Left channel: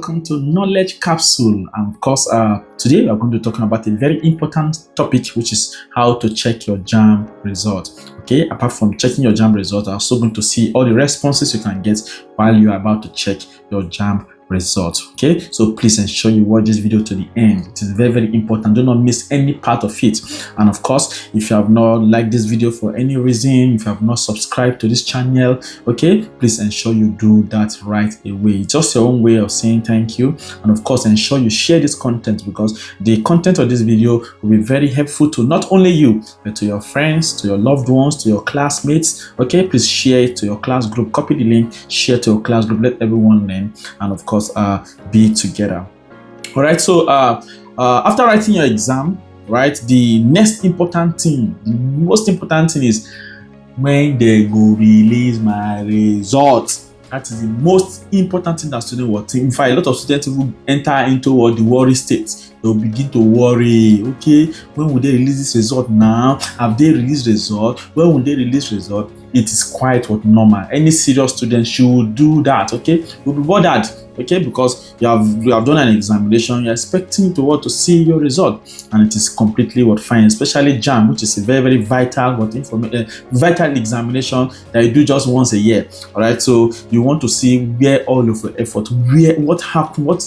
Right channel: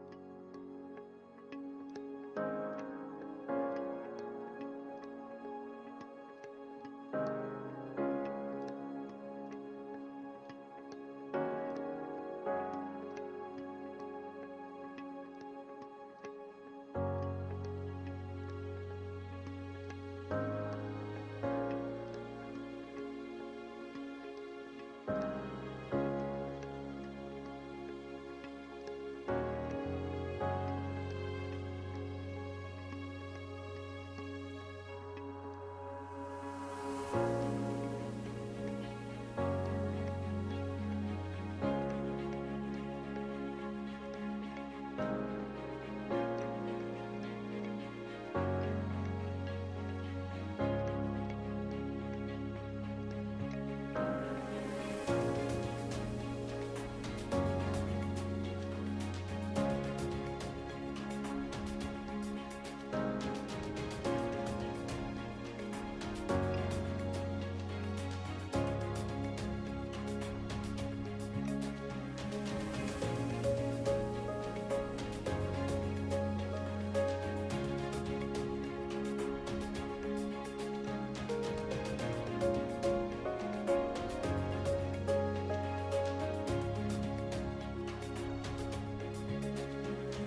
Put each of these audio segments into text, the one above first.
welcome to Knowledge Capsule. And of course, today we are going to be talking about a very important topic, which is how to check your JAMB result. Okay, apart from checking your JAMB result, I'm also going to see all the responses you can get while you are about to check your JAMB result. Okay, so please ensure you watch this video to the end. It is very, very important. Do not miss any part of it. And of course, if you have not liked this video for any reason, if you have not subscribed to this channel, okay, please ensure you do that right away. It's just your own way of saying thank you. And of course, ensure you share this content, because the content of this video will be very helpful to not only you, but to your friends, to your loved ones, to your classmates. Okay, please share it to your class group, copy the link, share to your class group, let everyone learn, and of course be together. All right, so after writing your exam, right, the next important thing, the most important thing is when they go release my result. That is the most important thing that students will think. In fact, a lot of students will enter into what the worry state. They'll begin to worry. Okay, when will they release this result now? Have they released result? When will they release result? It is quite what normal. Any serious student should do that. Okay, you'll be bothered. Okay, because you have done an examination, you're expecting to want to see your result, and it is completely what fine. Especially JAMB, which is a very, very vital vital examination that you do just once a year. All right, so you want to see where all of your effort, what happened, what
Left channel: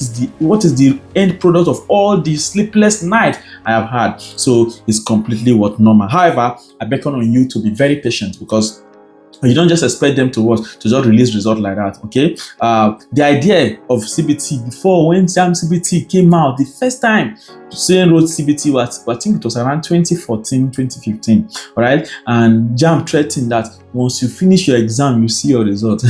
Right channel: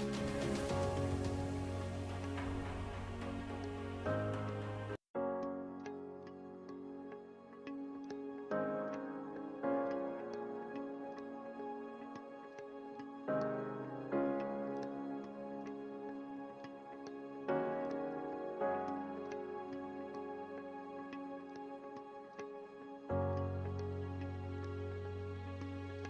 is the end product of all the sleepless night I have had. So it's completely what normal. However, I beckon on you to be very patient, because you don't just expect them to just release result like that. Okay, the idea of CBT, before, when JAMB CBT came out the first time, student wrote CBT was, I think it was around 2014, 2015. All right, and JAMB threatened that once you finish your exam, you see your result.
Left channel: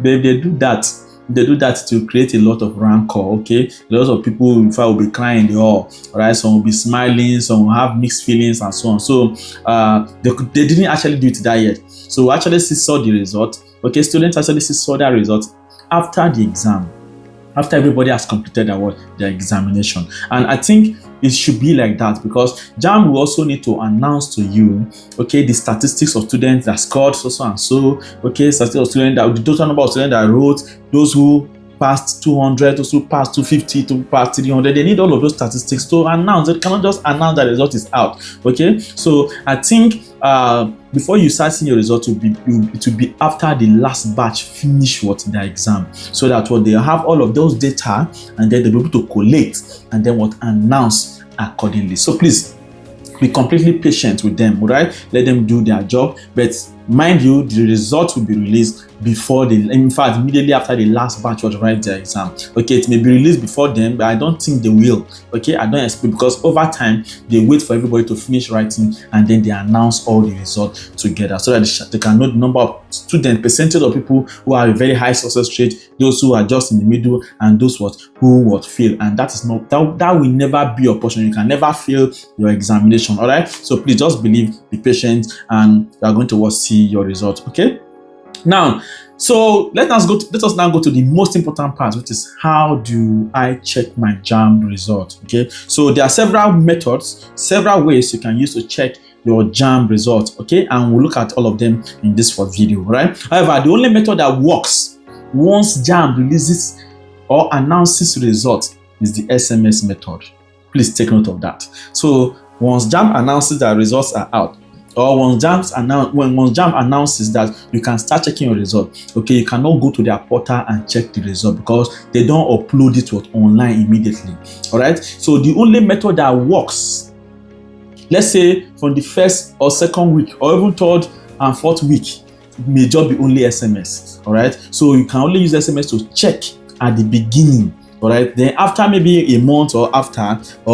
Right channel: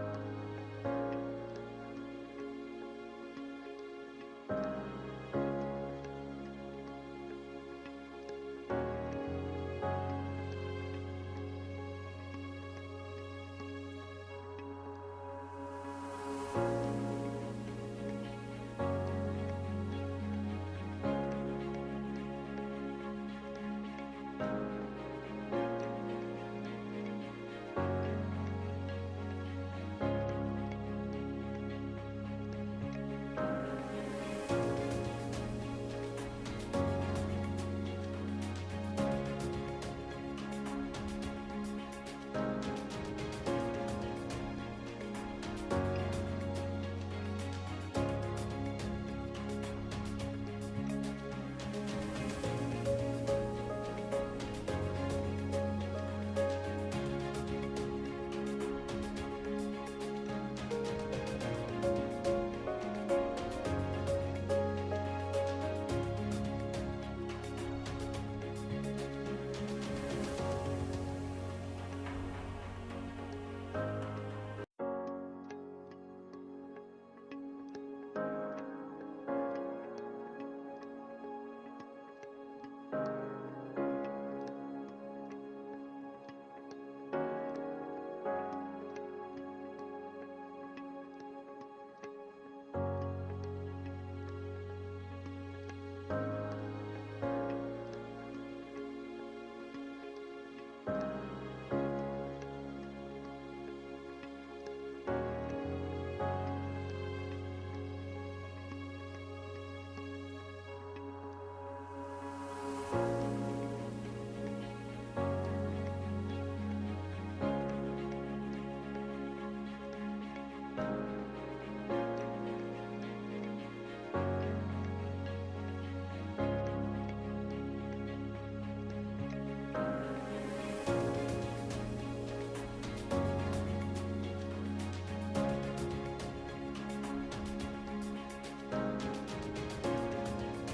they do that. They do that to create a lot of rancor. Okay, a lot of people, in fact, will be crying in the hall. All right, some will be smiling, some will have mixed feelings, and so on. So they didn't actually do it that yet. So we actually saw the result. Okay, students actually saw that result after the exam, after everybody has completed their examination. And I think it should be like that, because JAMB will also need to announce to you, okay, the statistics of students that scored so and so, okay, statistics of students, the total number of students that wrote, those who passed 200, those who passed 250, to pass 300. They need all of those statistics to announce. They cannot just announce that the result is out. Okay, so I think before you start seeing your result, it will be after the last batch finish their exam, so that they have all of those data, and then they'll be able to collect and then announce accordingly. So please be completely patient with them. All right, let them do their job, but mind you, the result will be released immediately after the last batch was write their exam. Okay, it may be released before them, but I don't think they will. Okay, I don't expect, because over time they wait for everybody to finish writing, and then they announce all the results together, so that they can know the number of students, percentage of people who have a very high success rate, those who are just in the middle, and those who fail. And that is not that will never be your portion. You can never fail your examination. All right, so please just believe, be patient, and you are going to see your result. Okay. Now, so let us now go to the most important part, which is how do I check my JAMB result. Okay, so there are several methods, several ways you can use to check your JAMB result. Okay, and we'll look at all of them in this video, right? However, the only method that works once JAMB releases or announces result is the SMS method. Please take note of that. So once JAMB announces that results are out, or once JAMB announces that you can start checking your result, okay, you cannot go to their portal and check the result, because they don't upload it online immediately. All right, so the only method that works, let's say from the first or second week, or even third and fourth week, may just be only SMS. All right, so you can only use SMS to check at the beginning. All right, then after maybe a month, or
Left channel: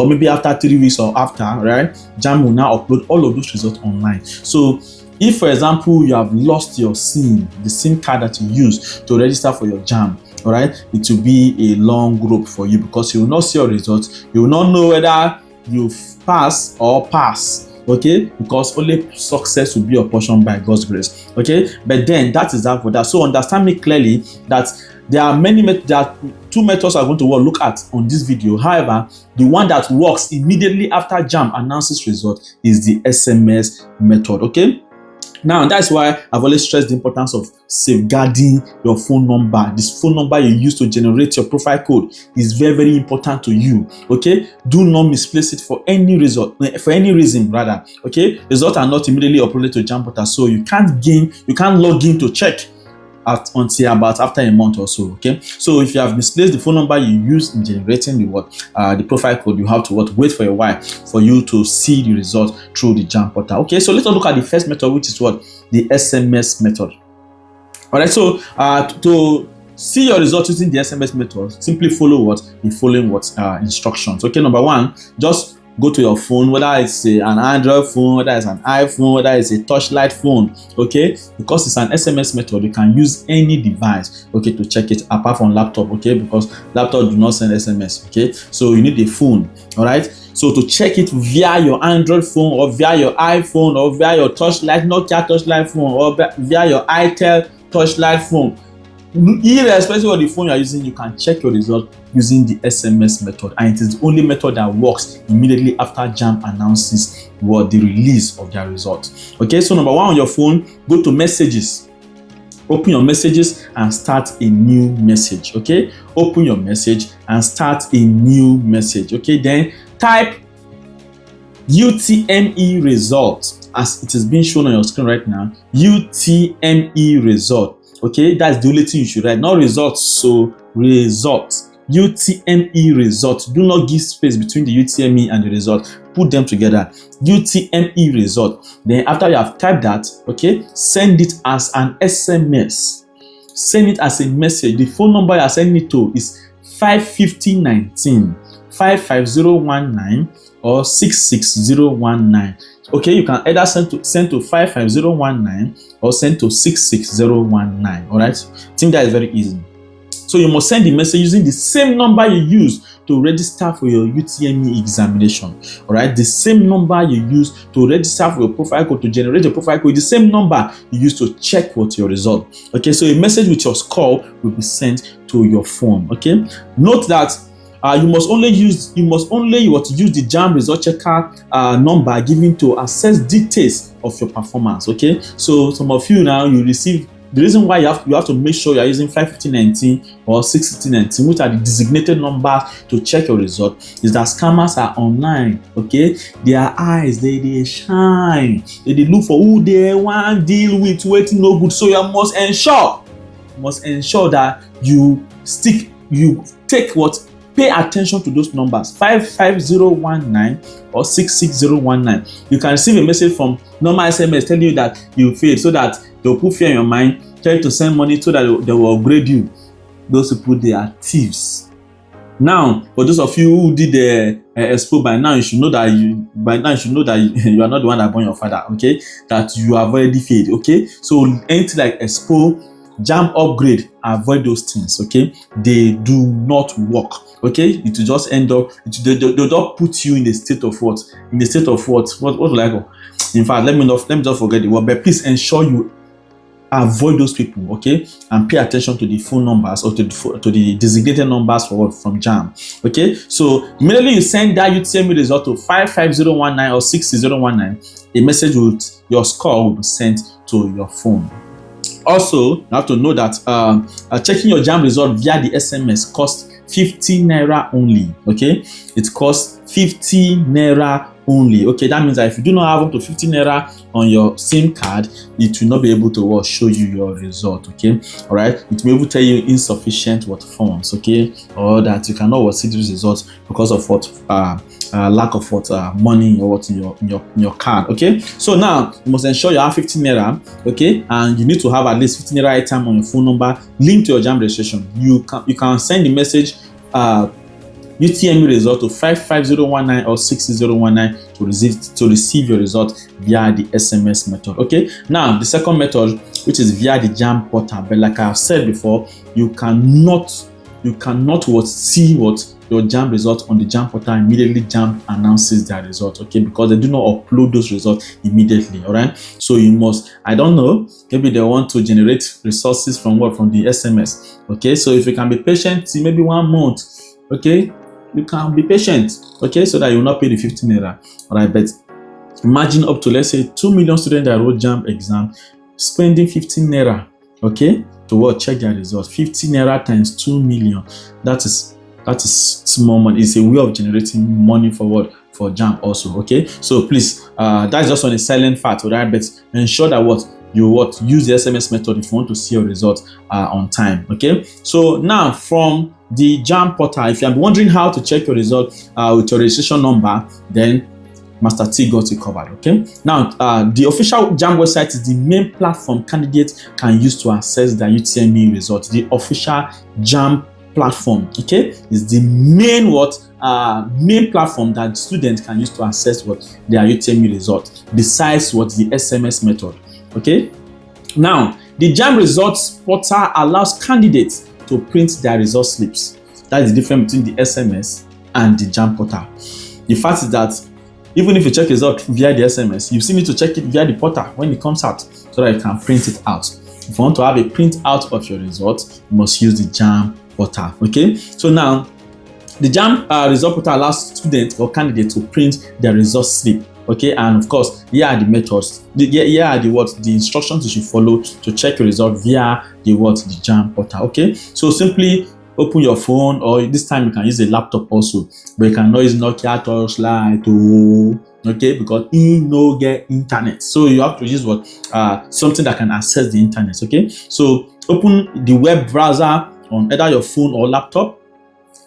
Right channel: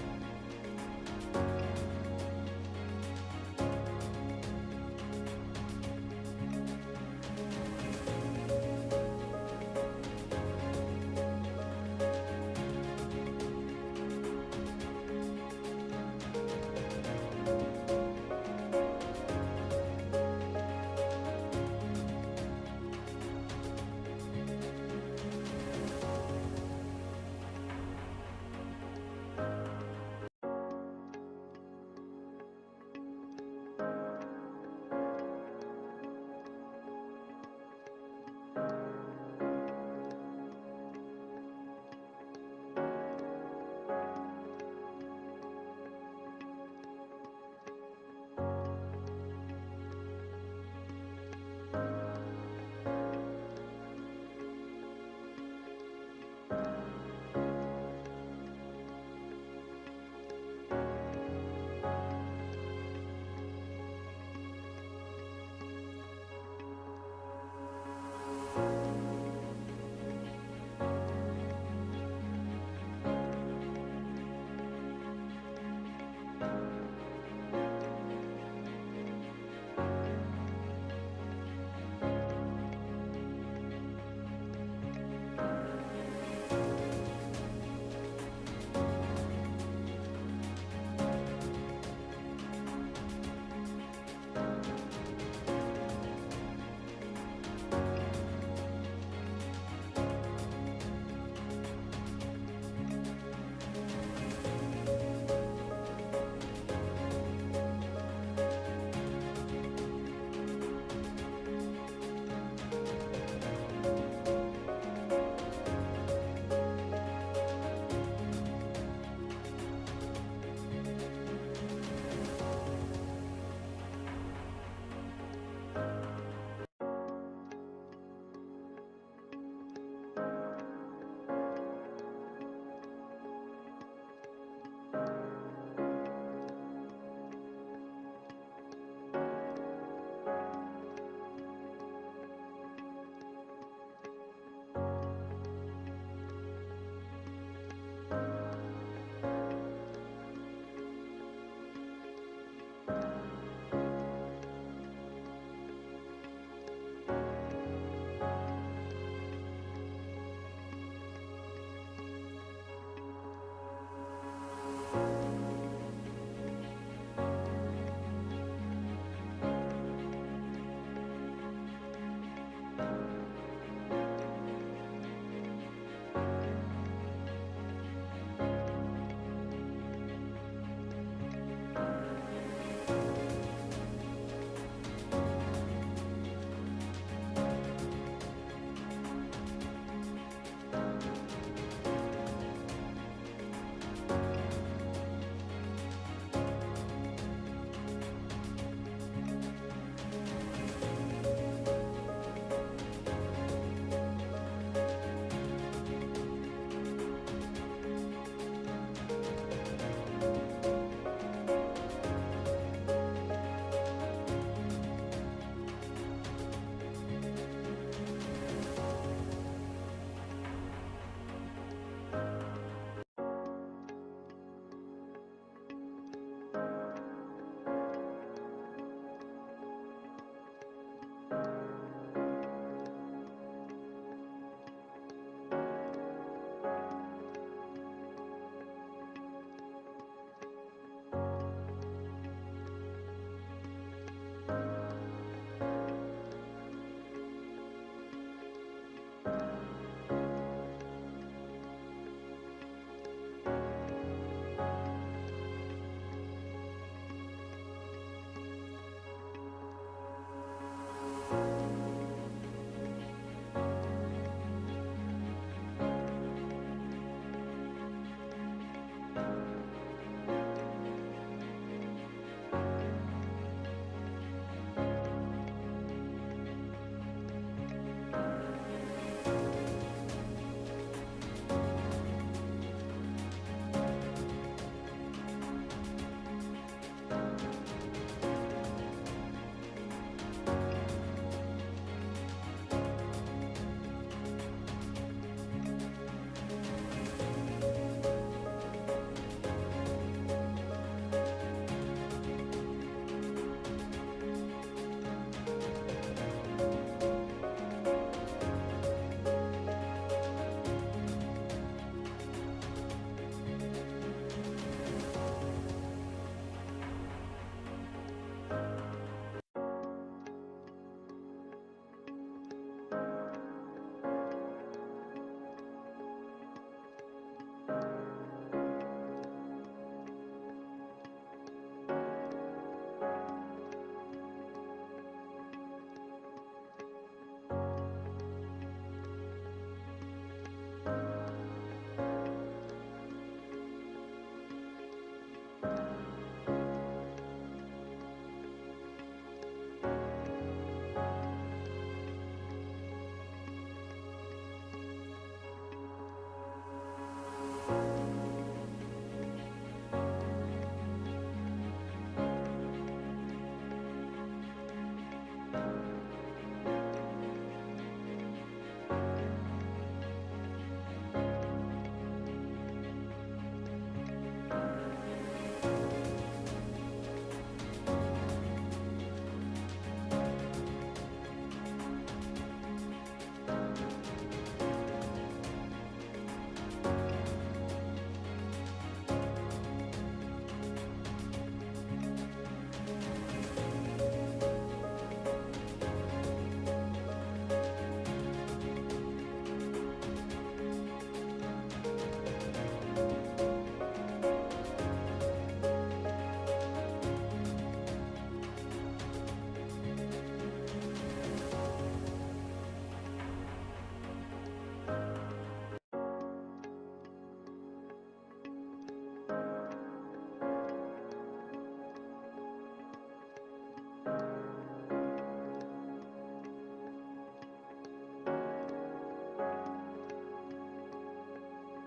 maybe after 3 weeks, or after, right, JAMB will now upload all of those results online. So if, for example, you have lost your SIM, the SIM card that you use to register for your JAMB, all right, it will be a long rope for you, because you will not see your results. You will not know whether you pass or pass. Okay, because only success will be your portion by God's grace. Okay, but then that is that for that. So understand me clearly that there are two methods I'm going to look at on this video. However, the one that works immediately after JAMB announces result is the SMS method. Okay, Now, that's why I've always stressed the importance of safeguarding your phone number. This phone number you use to generate your profile code is very, very important to you. Okay, do not misplace it for any reason. Okay, results are not immediately uploaded to JAMB portal, so you can't log in to check until about after a month or so. Okay, so if you have misplaced the phone number you use in generating the profile code, you have to wait for a while for you to see the result through the JAMB portal. Okay, so let's look at the first method, which is the SMS method. All right, so to see your result using the SMS method, simply follow the following instructions. Okay, number one, just go to your phone, whether it's an Android phone, whether it's an iPhone, whether it's a touchlight phone. Okay, because it's an SMS method, you can use any device, okay, to check it apart from laptop. Okay, because laptop do not send SMS. Okay, so you need a phone. All right, so to check it via your Android phone or via your iPhone or via your Nokia touchlight phone or via your itel touchlight phone, irrespective of the phone you are using, you can check your result using the SMS method, and it is the only method that works immediately after JAMB announces the release of their result. Okay, so number one, on your phone, go to messages. Open your messages and start a new message. Okay, open your message and start a new message. Okay, then type UTME result as it is being shown on your screen right now. UTME result. Okay, that's the only thing you should write, not results. So result, UTME result. Do not give space between the UTME and the result. Put them together. UTME result. Then after you have typed that, okay, send it as an SMS. Send it as a message. The phone number you are sending it to is 55019, 55019 or 66019. Okay, you can either send to 55019 or send to 66019. All right, I think that is very easy. So you must send the message using the same number you use to register for your UTME examination. All right, the same number you use to register for your profile code, to generate your profile code, the same number you use to check your result. Okay, so a message with your score will be sent to your phone. Okay, note that you must only use the JAMB result checker number given to access details of your performance. Okay, so some of you now, you receive, the reason why you have to make sure you are using 55019 or 66019, which are the designated numbers to check your result, is that scammers are online. Okay, their eyes they shine, they look for who they want deal with, waiting no good. So you must ensure that pay attention to those numbers, 55019 or 66019. You can receive a message from normal SMS telling you that you failed, so that they'll put fear in your mind, tell you to send money so that they will upgrade you. Those people, they are thieves. Now, for those of you who did the expo, by now you should know that you are not the one that born your father. Okay, that you have already failed. Okay, so anything like expo, JAMB upgrade, avoid those things. Okay, they do not work. Okay, it will just end up, they'll not put you in the state of what? What will I go? In fact, let me just forget the word, but please ensure you avoid those people. Okay, and pay attention to the phone numbers or to the designated numbers from JAMB. Okay, so immediately you send that UTME result to 55019 or 66019, a message with your score will be sent to your phone. Also, you have to know that checking your JAMB result via the SMS costs 50 naira only. Okay, it costs 50 naira only. Okay, that means that if you do not have up to 50 naira on your SIM card, it will not be able to show you your result. Okay, all right, it will be able to tell you insufficient funds. Okay, or that you cannot see these results because of lack of money or in your card. Okay, so now you must ensure you have 50 naira. Okay, and you need to have at least 50 naira airtime on your phone number linked to your JAMB registration. You can send the message UTME result to 55019 or 66019 to receive your result via the SMS method. Okay, now the second method, which is via the JAMB portal, but like I have said before, you cannot see your JAMB result on the JAMB portal immediately JAMB announces their result. Okay, because they do not upload those results immediately. All right, so you must, I don't know, maybe they want to generate resources from the SMS. Okay, so if you can be patient, maybe 1 month. Okay, you can be patient. Okay, so that you will not pay the 15 naira. All right, but Imagine up to, let's say, 2 million students that wrote JAMB exam, spending 15 naira, okay, to what? Check their results. 50 naira times 2 million. That is small money. It's a way of generating money for what? For JAMB also, okay? So please, that's just on a silent fact, alright? But ensure that you use the SMS method if you want to see your results on time, okay? So now from the JAMB portal, if you are wondering how to check your result with your registration number, then Master T got you covered, okay? Now, the official JAMB website is the main platform candidates can use to access their UTME results. The official JAMB platform, okay, is the main main platform that students can use to access their UTME results, besides the SMS method, okay? Now, the JAMB results portal allows candidates to print their result slips. That is the difference between the SMS and the JAMB portal. The fact is that even if you check result via the SMS, you still need to check it via the portal when it comes out so that you can print it out. If you want to have a print out of your results, you must use the JAMB portal, okay? So now, the JAMB result portal allows students or candidates to print their result slip, okay? And of course, here are the methods. Here are the instructions you should follow to check your result via the JAMB portal, okay? So simply open your phone, or this time you can use a laptop also, but you cannot use Nokia Torchlight, okay, because you no get internet. So you have to use something that can access the internet, okay? So open the web browser on either your phone or laptop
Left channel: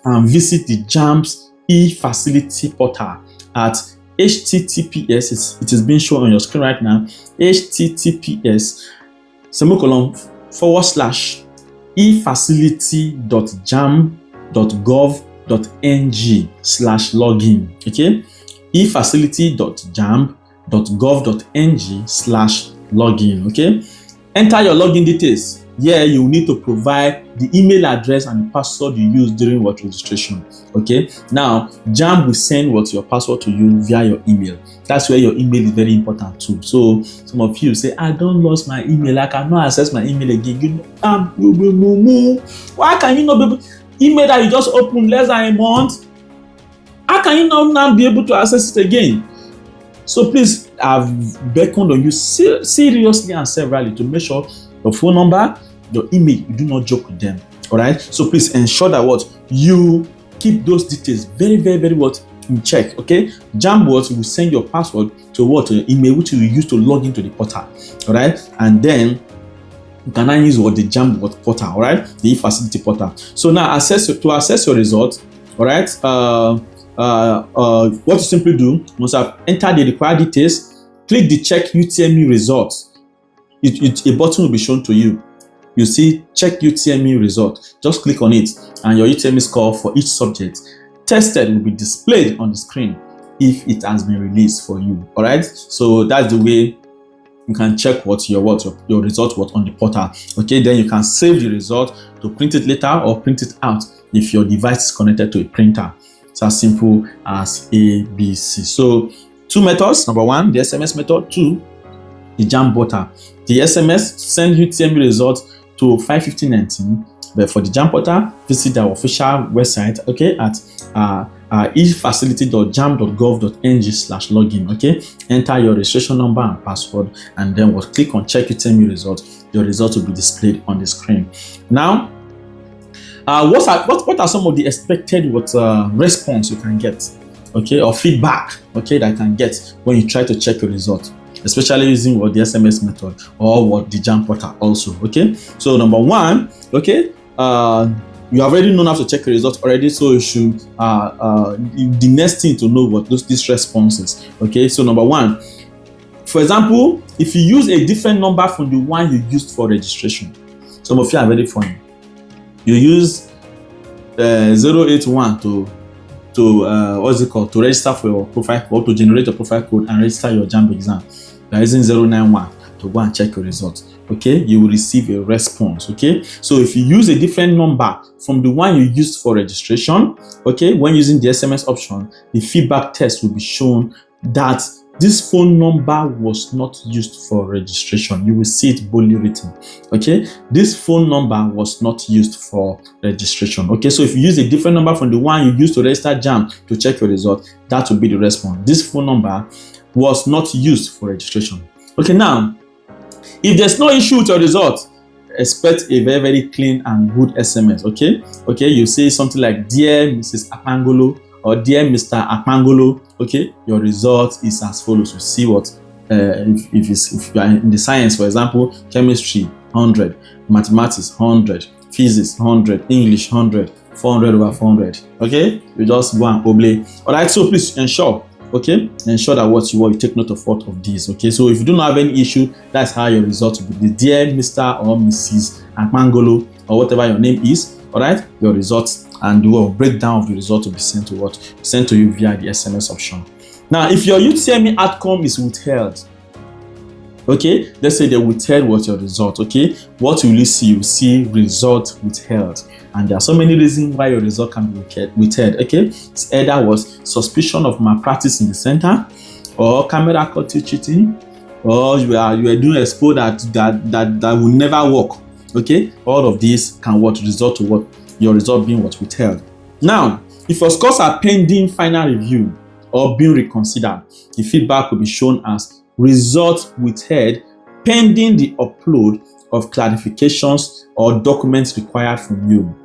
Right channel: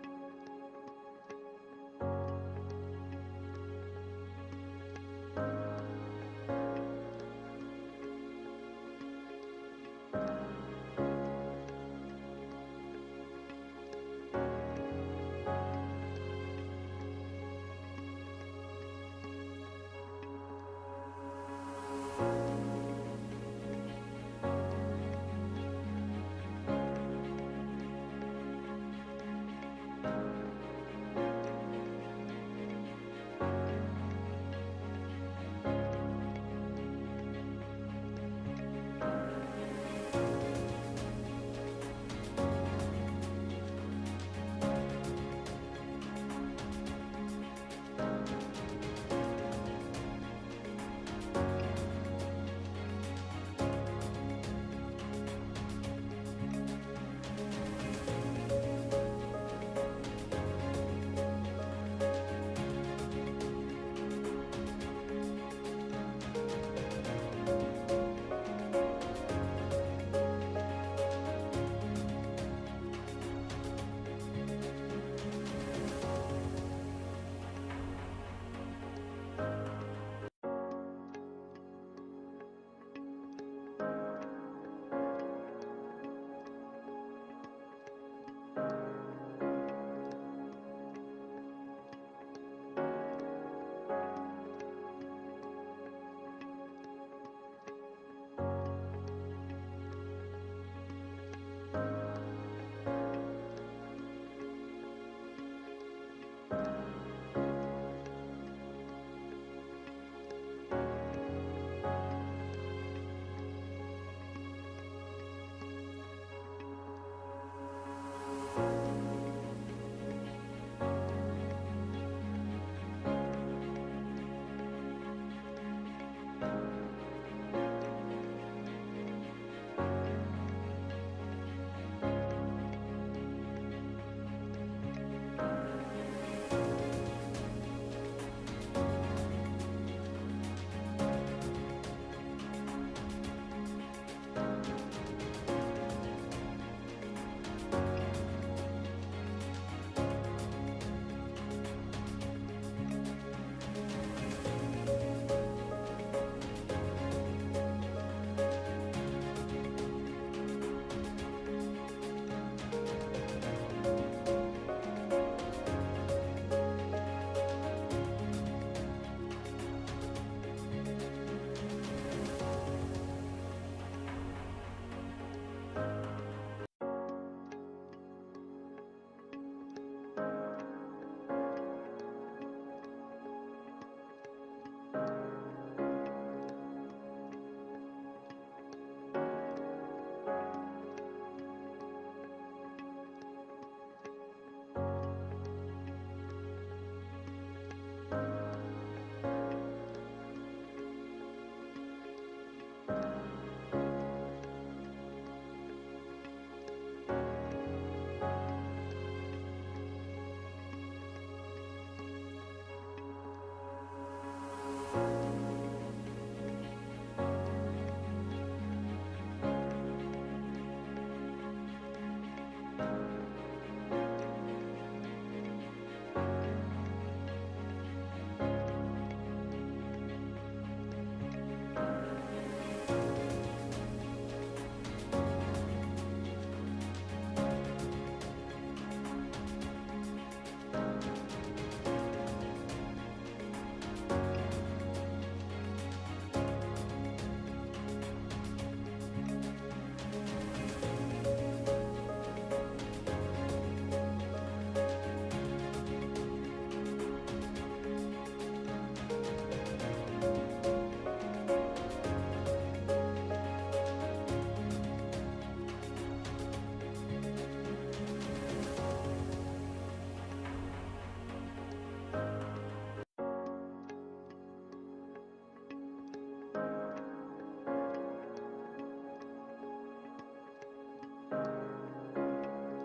and visit the JAMB's e-facility portal at https, it is being shown on your screen right now, https://efacility.jamb.gov.ng/login, okay? efacility.jamb.gov.ng/login, okay? Enter your login details. Here you need to provide the email address and the password you use during registration, okay? Now, JAMB will send your password to you via your email. That's where your email is very important too. So some of you say, I don't lost my email, I cannot access my email again. Why can you not be able email that you just opened less than a month? How can you not now be able to access it again? So please, I've beckoned on you seriously and severally to make sure your phone number, your email, you do not joke with them. All right. So please ensure that you keep those details very, very, very in check. Okay. JAMB will send your password to your email, which you will use to log into the portal. All right. And then you can now use the JAMB portal. All right. The e-facility portal. So now to access your results. All right. What you simply do, you must have entered the required details. Click the check UTME results. A button will be shown to you. You see check UTME result. Just click on it and your UTME score for each subject tested will be displayed on the screen if it has been released for you. All right. So that's the way you can check your result on the portal. Okay. Then you can save the result to print it later or print it out if your device is connected to a printer. It's as simple as ABC. So 2 methods. Number 1, the SMS method. 2, the JAMB portal. The SMS send UTME results to 55019, but for the JAMB portal, visit our official website, okay, at efacility.jamb.gov.ng/login, okay. Enter your registration number and password, and then we'll click on check UTME results. Your results will be displayed on the screen. Now, what are some of the expected response you can get, okay, or feedback, okay, that you can get when you try to check your results, especially using the SMS method or the JAMB portal also, okay? So number 1, okay, you have already known how to check your results already, so you should the next thing to know these responses, okay? So number 1, for example, if you use a different number from the one you used for registration, some of you are very funny. You use 081 to register for your profile code, to generate your profile code and register your JAMB exam. You are using 091 to go and check your results. Okay, you will receive a response. Okay, so if you use a different number from the one you used for registration, okay, when using the SMS option, the feedback test will be shown that this phone number was not used for registration. You will see it boldly written. Okay, this phone number was not used for registration. Okay, so if you use a different number from the one you used to register JAMB to check your result, that will be the response. This phone number was not used for registration. Okay, now, if there's no issue with your result, expect a very, very clean and good SMS, okay? Okay, you say something like, Dear Mrs. Akpangolo, or Dear Mr. Akpangolo, okay? Your result is as follows. You see what, if you are in the science, for example, chemistry, 100, mathematics, 100, physics, 100, English, 100, 400 over 400, okay? You just go and obey. All right, so please ensure, okay, ensure that what you take note of what of these, okay? So if you don't have any issue, that's how your result will be. Dear Mr. or Mrs. Akpangolo, or whatever your name is, all right, your results and the breakdown of the result will be sent to what? Sent to you via the SMS option. Now, if your UTME outcome is withheld, okay, let's say they withheld what your result, okay, what will you see? You see result withheld. And there are so many reasons why your result can be withheld, okay? It's either was suspicion of malpractice in the center, or camera caught you cheating, or you are doing expo that will never work, okay? All of these can result to what? Your result being withheld. Now, if your scores are pending final review or being reconsidered, the feedback will be shown as result withheld pending the upload of clarifications or documents required from you.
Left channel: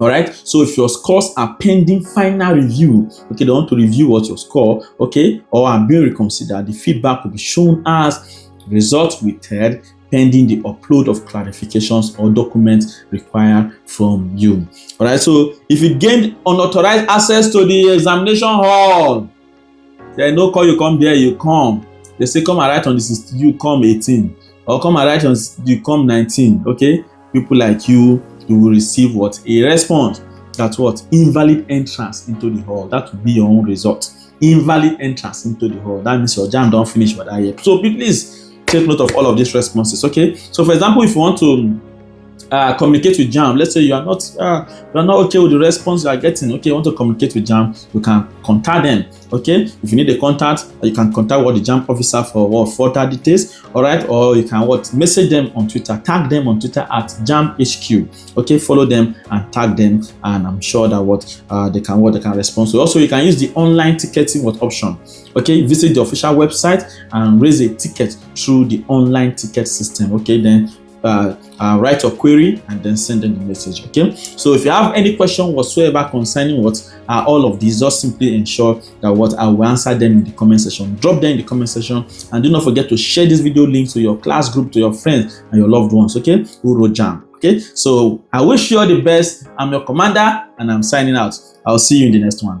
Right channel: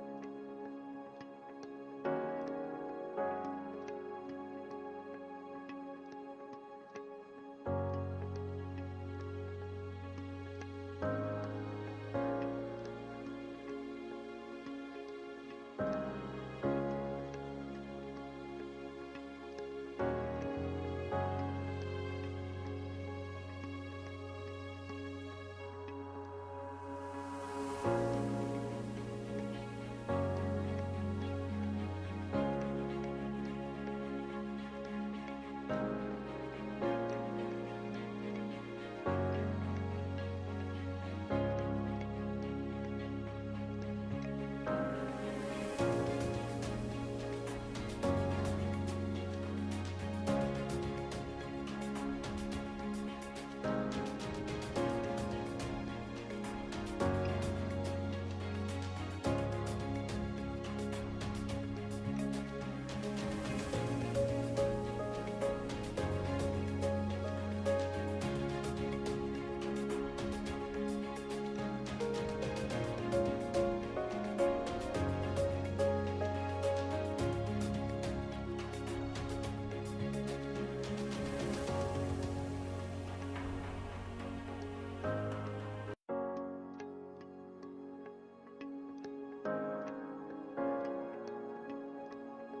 All right, so if your scores are pending final review, okay, they want to review what your score, okay, or are being reconsidered, the feedback will be shown as result withheld pending the upload of clarifications or documents required from you. All right, so if you gained unauthorized access to the examination hall, they no call you come there, you come. They say come and write on this, you come 18, or come and write on you come 19. Okay, people like you will receive what? A response that what? Invalid entrance into the hall. That will be your own result. Invalid entrance into the hall. That means your JAMB don't finish by that year. So please take note of all of these responses. Okay. So for example, if you want to communicate with JAMB, let's say you are not okay with the response you are getting, okay, you want to communicate with JAMB, you can contact them, okay? If you need a contact, you can contact the JAMB officer for further details, all right? Or you can message them on Twitter, tag them on Twitter at JAMB HQ, okay? Follow them and tag them, and I'm sure that they can respond to. Also, you can use the online ticketing option, okay? Visit the official website and raise a ticket through the online ticket system, okay? Then write your query and then send them the message, okay? So if you have any question whatsoever concerning all of these, just simply ensure that I will answer them in the comment section. Drop them in the comment section, and do not forget to share this video link to your class group, to your friends and your loved ones, okay, who wrote JAMB. Okay, so I wish you all the best. I'm your commander and I'm signing out. I'll see you in the next one.